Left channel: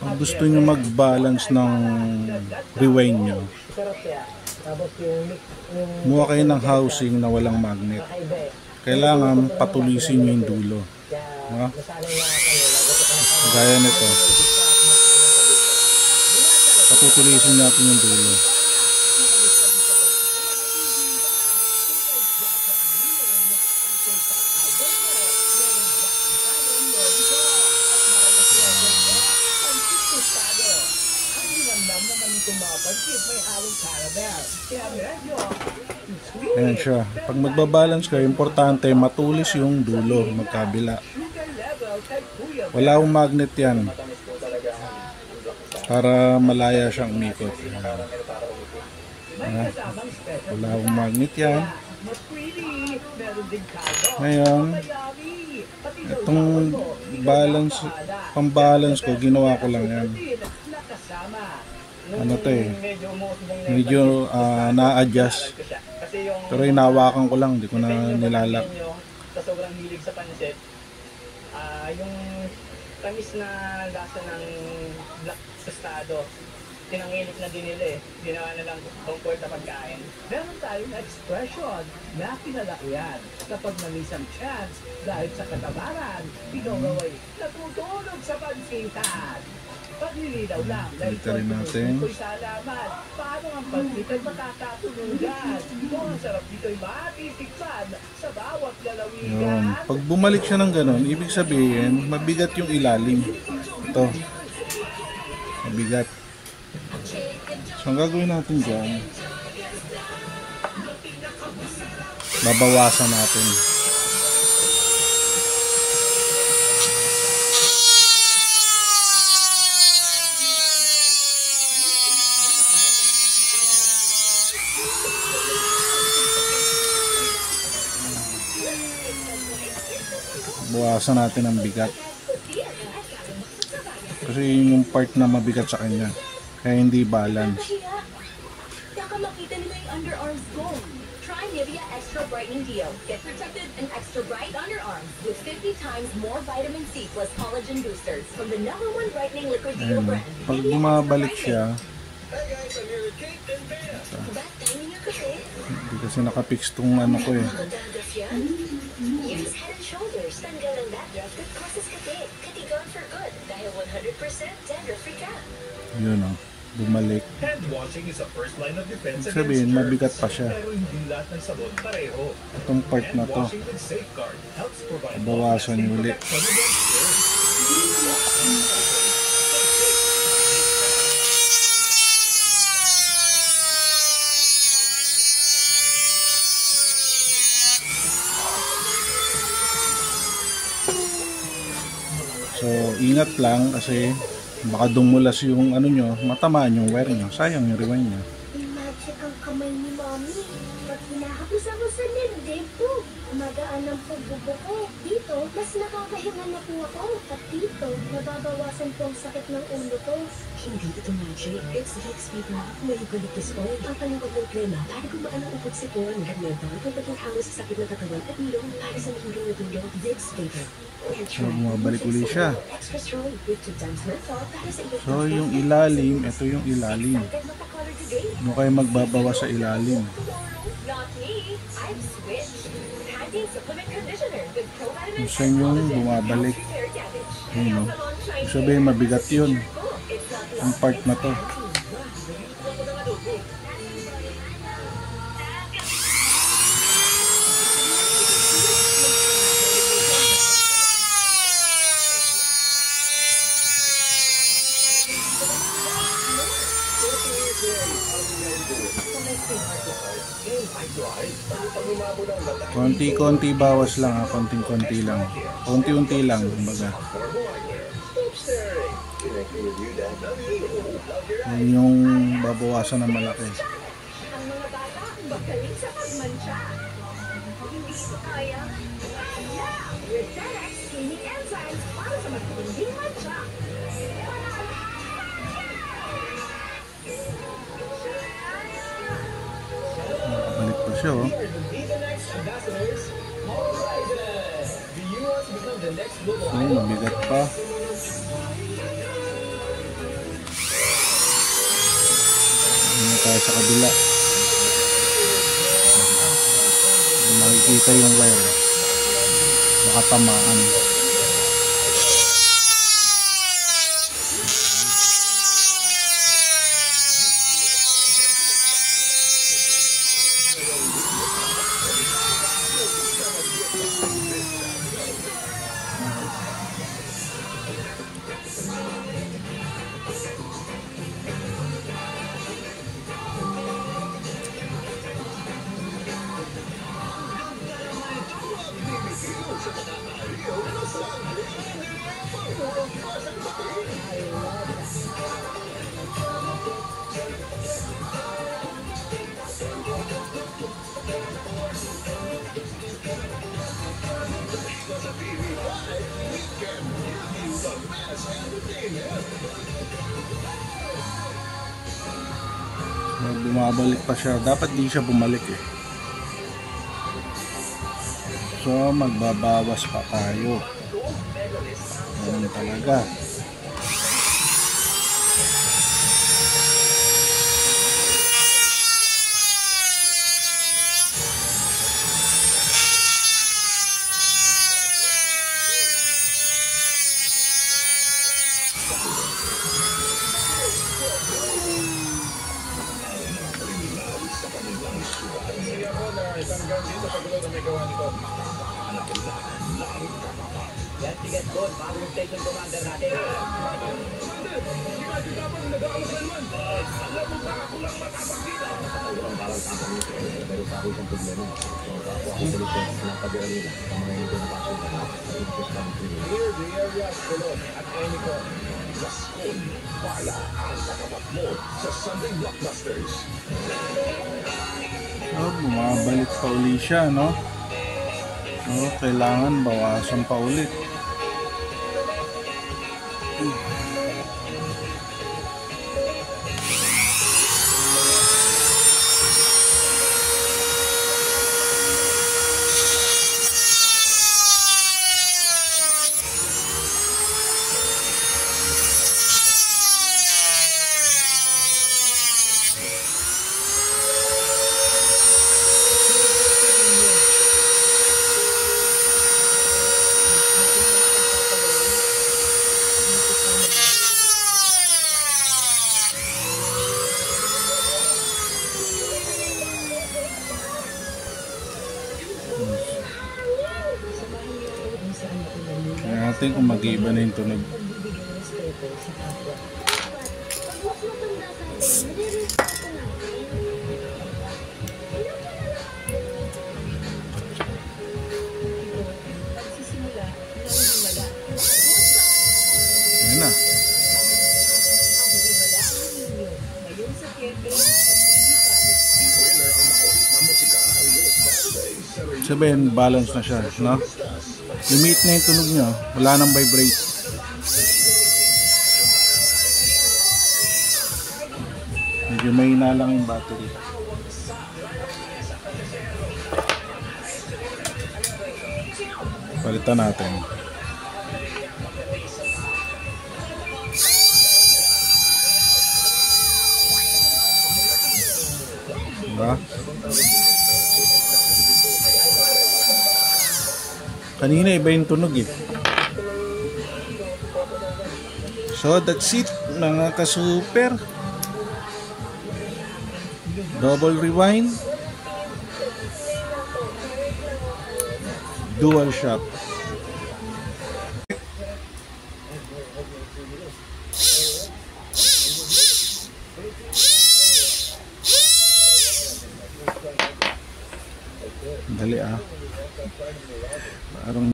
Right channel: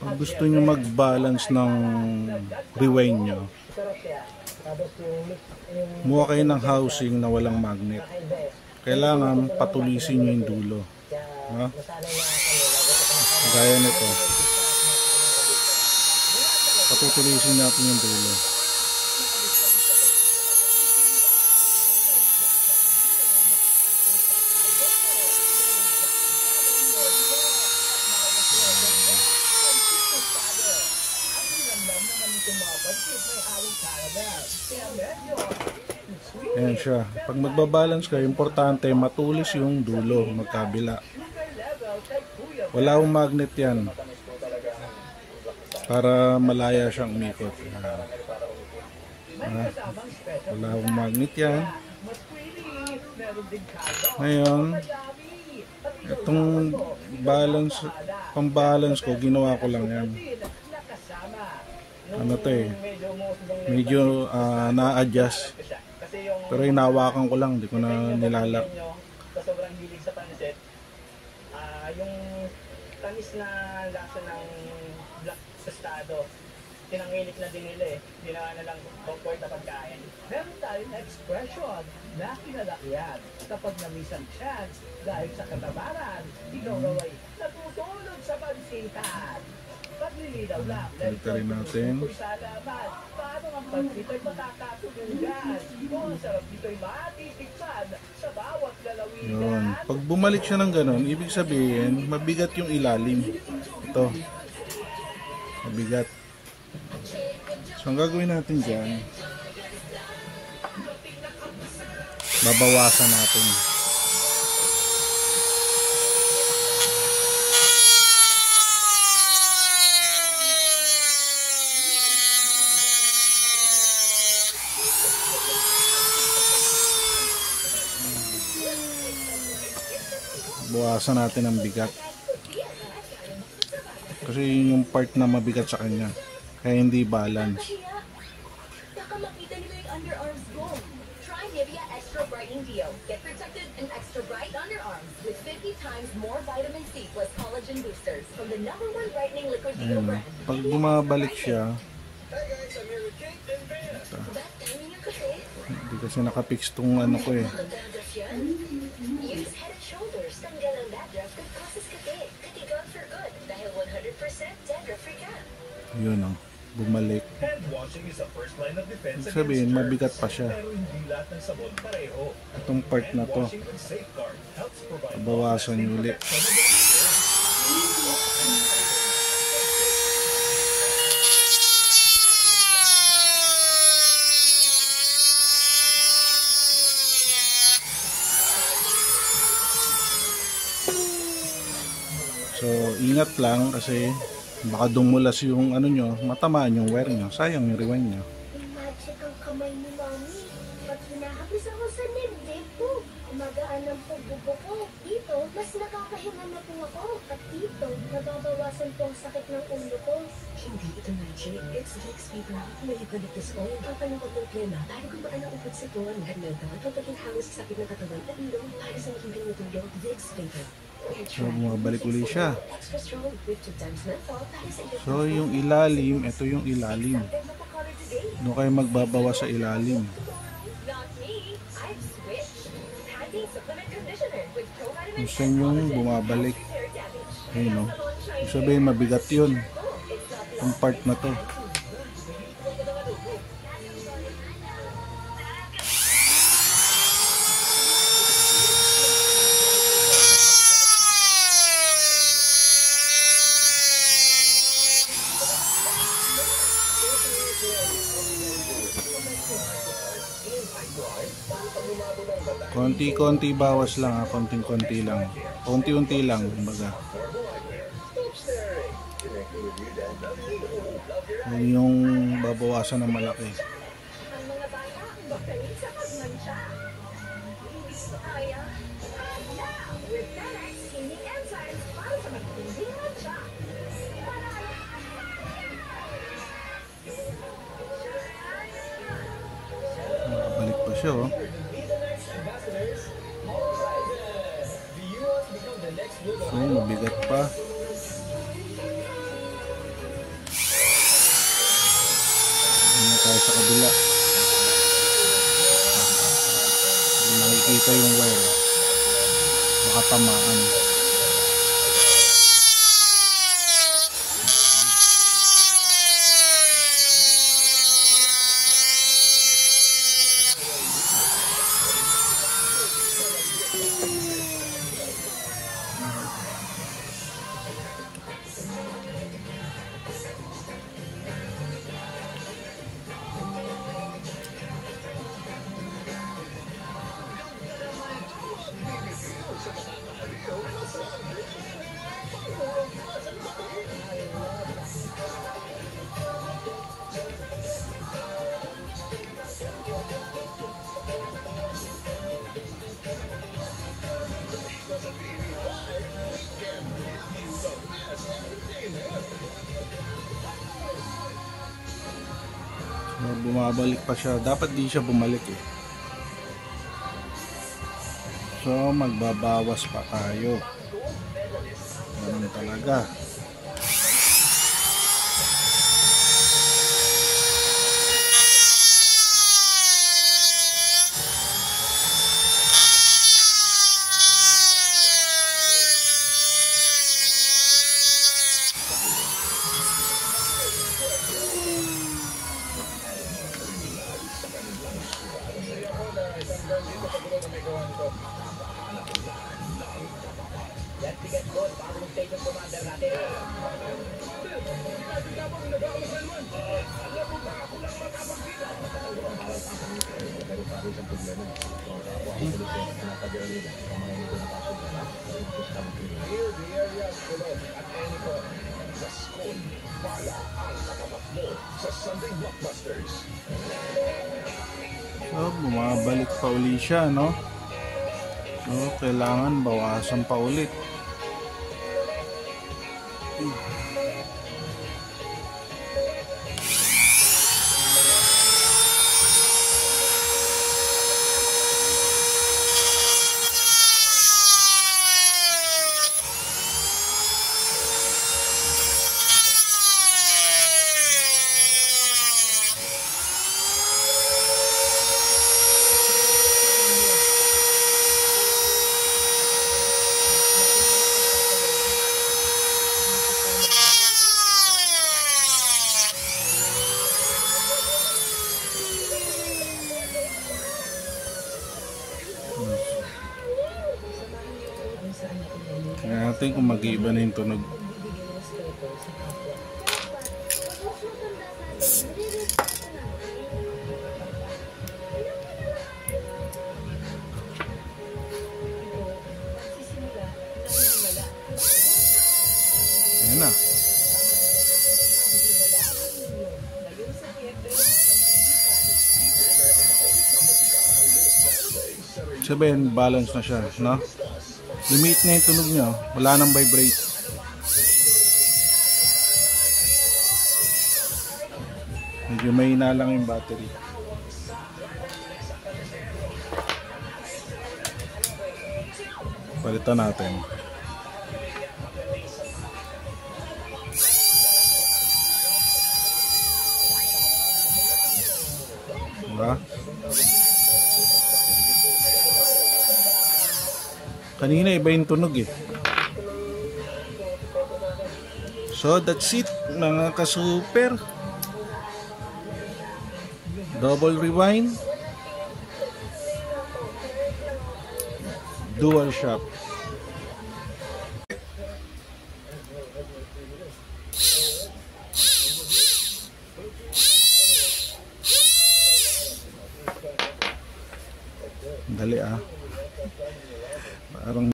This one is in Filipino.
Pag gusto nyo mag-balance ng rewind nyo, muha kayo ng housing na walang magnet. Kailangan patulisin nyo yung dulo. Gaya nito, patutulisin natin yung dulo. Ayan siya. Pag magbabalance kayo, importante matulis yung dulo, magkabila. Wala akong magnet yan para malaya siyang umikot. Wala akong magnet yan. Ngayon, itong balance, pang-balance ko, ginawa ko lang yan. Ano to eh, medyo na-adjust. Pero hinawakan ko lang, hindi ko na nilalak. Sa sobrang hilig sa pansit, yung tamis na lasa ng black tostado, tinangilip na din nila eh. Ginawa na lang comfort na pagkain. Meron tayong expression na kinalakihan kapag namisang chance dahil sa katamaran, pinongaway natutulog sa pansitan. Paglilinaw lang dahil ko'y salamat. Paano ang pagkitay makakatulugan? Kung sarap dito'y matitikpan sa bawat lalawigan. Pag bumalik siya ng ganun, ibig sabihin mabigat yung ilalim. Ito, mabigat. So ang gagawin natin dyan, babawasan natin. Bawasan natin ang bigat kasi yung part na mabigat sa kanya, kaya hindi balance. Makita nyo yung underarms ko. Try Nivea Extra Brightening Deo. Get protected and extra bright underarms with 50 times more vitamin C plus collagen boosters from the #1 brightening liquid deo brand. Pag bumabalik siya, hindi kasi nakapix tong ano ko eh. Use Head and Shoulders. Tanggal ang dandruff that causes headache. Katigon for good dahil 100% dandruff-free ka. Yun o, bumalik. Hand washing is a first line of defense against Sabihin, germs, mabigat pa siya. pero hindi lahat ng sabon pareho. Itong part na Hand to, washing with Safeguard helps provide bawasan long-lasting ulit. protection against germs. So ingat lang kasi baka dumulas yung ano nyo, matamaan yung wire nyo, sayang yung rewind nyo. Magic ang kamay ni Mami. Pag hinahapos ako sa nilde po, magaan ang pagbubuko. Dito, mas nakakahinga na po ako. At dito, nababawasan po ang sakit ng ulo ko. Hindi ito magic. It's Vicks Vita. May eucalyptus oil. Ang panukotong krema para gumaan ang upod sipon. Ganyan daw kung pagkakamos sa sakit ng katawan at ilong para sa mahulong na tulong. Vicks Vita. So bumabalik ulit siya. So yung ilalim, ito yung ilalim. Ano kayo magbabawa sa ilalim? Kung saan yung bumabalik. Ayun o. Sabihin mabigat yun. Ang part na to. Konti-konti bawas lang ha, konting-konti lang. Konti-unti lang, kumbaga. Yan yung babawasan ng malaki. Ang mga bata, magaling sa pagmantsa. Hindi ko kaya. With FedEx, skinny enzymes para sa matinding mantsa. Balik pa siya oh. Mabigat pa. Hindi tayo sa kabila. Makikita yung wire. Baka tamaan. Bumabalik pa siya. Dapat di siya bumalik eh. So magbabawas pa tayo. Ganun talaga. Yan, tigat doon. Bagong station commander natin. So, bumabalik pa uli siya, no? So, kailangan bawasan pa ulit. Kaya natin kung mag-iiba na yung tunog. Pag mas matanda tayo, nire-respeto natin. Yun na. Sabihin, balance na siya, no? Limit na yung tunog niya, wala nang vibrate. Medyo mahina lang yung battery. Palitan natin. Diba? Kanina iba yung tunog eh. So that's it mga ka-super. Double rewind, dual shock.